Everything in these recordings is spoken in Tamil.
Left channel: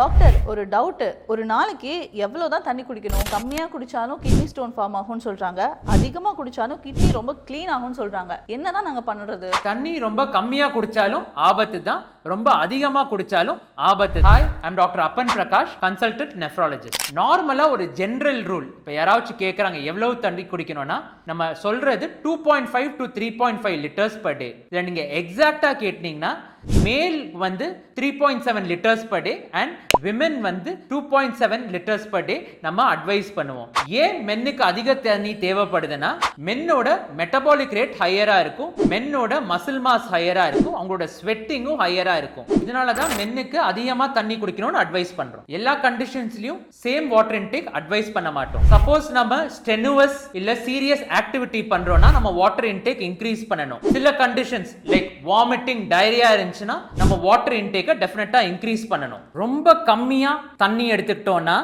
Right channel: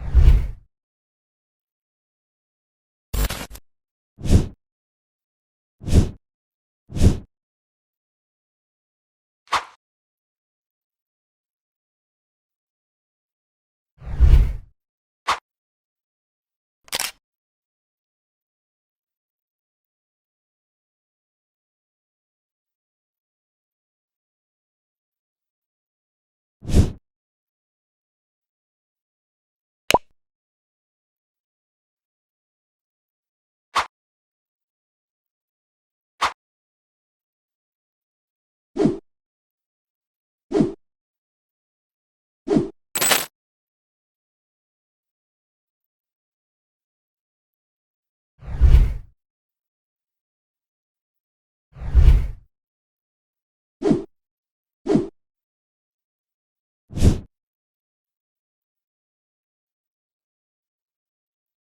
டாக்டர் ஒரு டவுட், ஒரு நாளைக்கு எவ்வளவுதான் தண்ணி குடிக்கணும்? கம்மியா குடிச்சாலும் கிட்னி ஸ்டோன் ஃபார்ம் ஆகும்னு சொல்றாங்க, அதிகமா குடிச்சாலும் கிட்னி ரொம்ப க்ளீன் ஆகும்னு சொல்றாங்க. என்னதான் நாங்க பண்றது? தண்ணி ரொம்ப கம்மியா குடிச்சாலும் ஆபத்து தான், ரொம்ப அதிகமா குடிச்சாலும் ஆபத்து. ஹாய், ஐம் டாக்டர் அப்பன் பிரகாஷ், கன்சல்டன்ட் நெஃப்ராலஜிஸ்ட். நார்மலா ஒரு ஜெனரல் ரூல், இப்போ யாராச்சும் கேட்குறாங்க எவ்வளவு தண்ணி குடிக்கணும்னா நம்ம சொல்றது 2.5 to 3.5 லிட்டர்ஸ் per day. இதை நீங்க எக்ஸாக்டா கேட்டீங்கன்னா மேல் வந்து 3.7 litres per day and women வந்து 2.7 லிட்டர்ஸ் per day நம்ம அட்வைஸ் பண்ணுவோம். ஏன் மென்னுக்கு அதிக தண்ணி தேவைப்படுதுன்னா மென்னோட மெட்டபாலிக் ரேட் ஹையரா இருக்கும், மென்னோட மசில் மாஸ் ஹையரா இருக்கும், அவங்களோட ஸ்வெட்டிங்கும் ஹையரா இருக்கும். இதனால தான் மென்னுக்கு அதிகமா தண்ணி குடிக்கணும்னு அட்வைஸ் பண்றோம். எல்லா கண்டிஷன்ஸ்லயும் சேம் வாட்டர் இன்டேக் அட்வைஸ் பண்ண மாட்டோம். சப்போஸ் நம்ம ஸ்டெனுவஸ் இல்ல சீரியஸ் ஆக்டிவிட்டி பண்றோம்னா நம்ம வாட்டர் இன்டேக் இன்க்ரீஸ் பண்ணணும். சில கண்டிஷன்ஸ் லைக் வாமிட்டிங், டயரியா இருந்துச்சுன்னா நம்ம வாட்டர் இன்டேக்கை டெஃபினட்டா இன்க்ரீஸ் பண்ணணும். ரொம்ப கம்மியா தண்ணி எடுத்துக்கிட்டோம்னா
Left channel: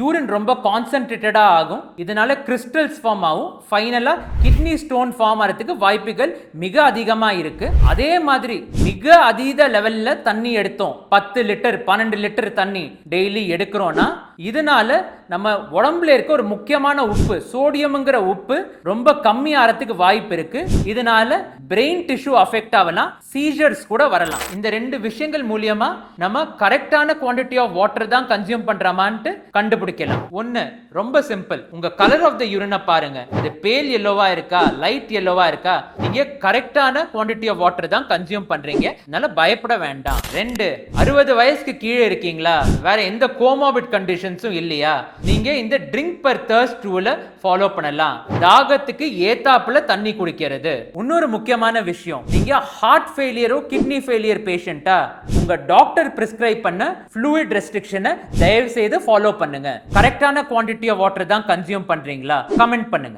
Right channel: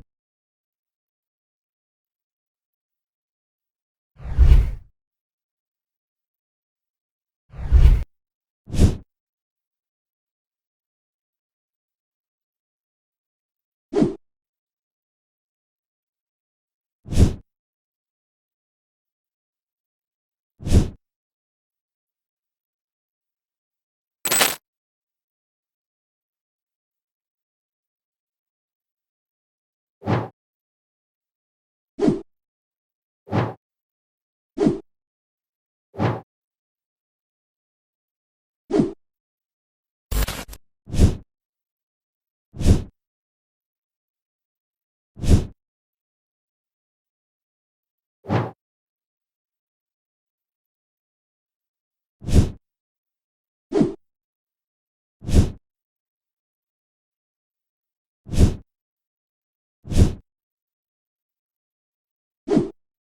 யூரின் ரொம்ப கான்சென்ட்ரேட்டடா ஆகும், இதனால கிறிஸ்டல்ஸ் ஃபார்ம் ஆகும், ஃபைனலா கிட்னி ஸ்டோன் ஃபார்ம் ஆகிறதுக்கு வாய்ப்புகள் மிக அதிகமா இருக்கு. அதே மாதிரி மிக அதீத லெவல்ல தண்ணி எடுத்தோம், 10 லிட்டர் 12 லிட்டர் தண்ணி டெய்லி எடுக்கிறோம்னா இதனால நம்ம உடம்புல இருக்க ஒரு முக்கியமான உப்பு, சோடியம்ங்கிற உப்பு ரொம்ப கம்மி ஆகிறதுக்கு வாய்ப்பு இருக்கு. இதனால பிரெயின் டிஷ்யூ அஃபெக்ட் ஆகலாம், சீஜர்ஸ் கூட வரலாம். இந்த ரெண்டு விஷயங்கள் மூலியமா நம்ம கரெக்டான குவாண்டிட்டி ஆஃப் வாட்டர் தான் கன்சியூம் பண்றோமான்ட்டு கண்டுபிடிக்கலாம். ஒன்னு ரொம்ப சிம்பிள், உங்க கலர் ஆஃப் த யூரினை பாருங்க, இது பேல் எல்லோவா இருக்கா, லைட் எல்லோவா இருக்கா, நீங்க கரெக்டான குவாண்டிட்டி ஆஃப் வாட்டர் தான் கன்சியூம் பண்றீங்க, அதனால பயப்பட வேண்டாம். ரெண்டு, 60 வயசுக்கு கீழே இருக்கீங்களா, வேற எந்த கோமாபிட் கண்டிஷன்ஸும் இல்லையா, நீங்க இந்த ட்ரிங்க் பர் தர்ஸ்ட் ரூலை ஃபாலோ பண்ணலாம். தாகத்துக்கு ஏத்தாப்புல தண்ணி குடிக்கிறது. இன்னொரு முக்கியமான விஷயம், நீங்க ஹார்ட் ஃபெயிலியரோ கிட்னி ஃபெயிலியர் பேஷண்டா, உங்க டாக்டர் பிரிஸ்கிரைப் பண்ண ஃப்ளூயிட் ரெஸ்ட்ரிக்ஷனை தயவு செய்து ஃபாலோ பண்ணுங்க. கரெக்டான குவாண்டிட்டி ஆஃப் வாட்டர் தான் கன்சியூம் பண்றீங்களா? கமெண்ட் பண்ணுங்க.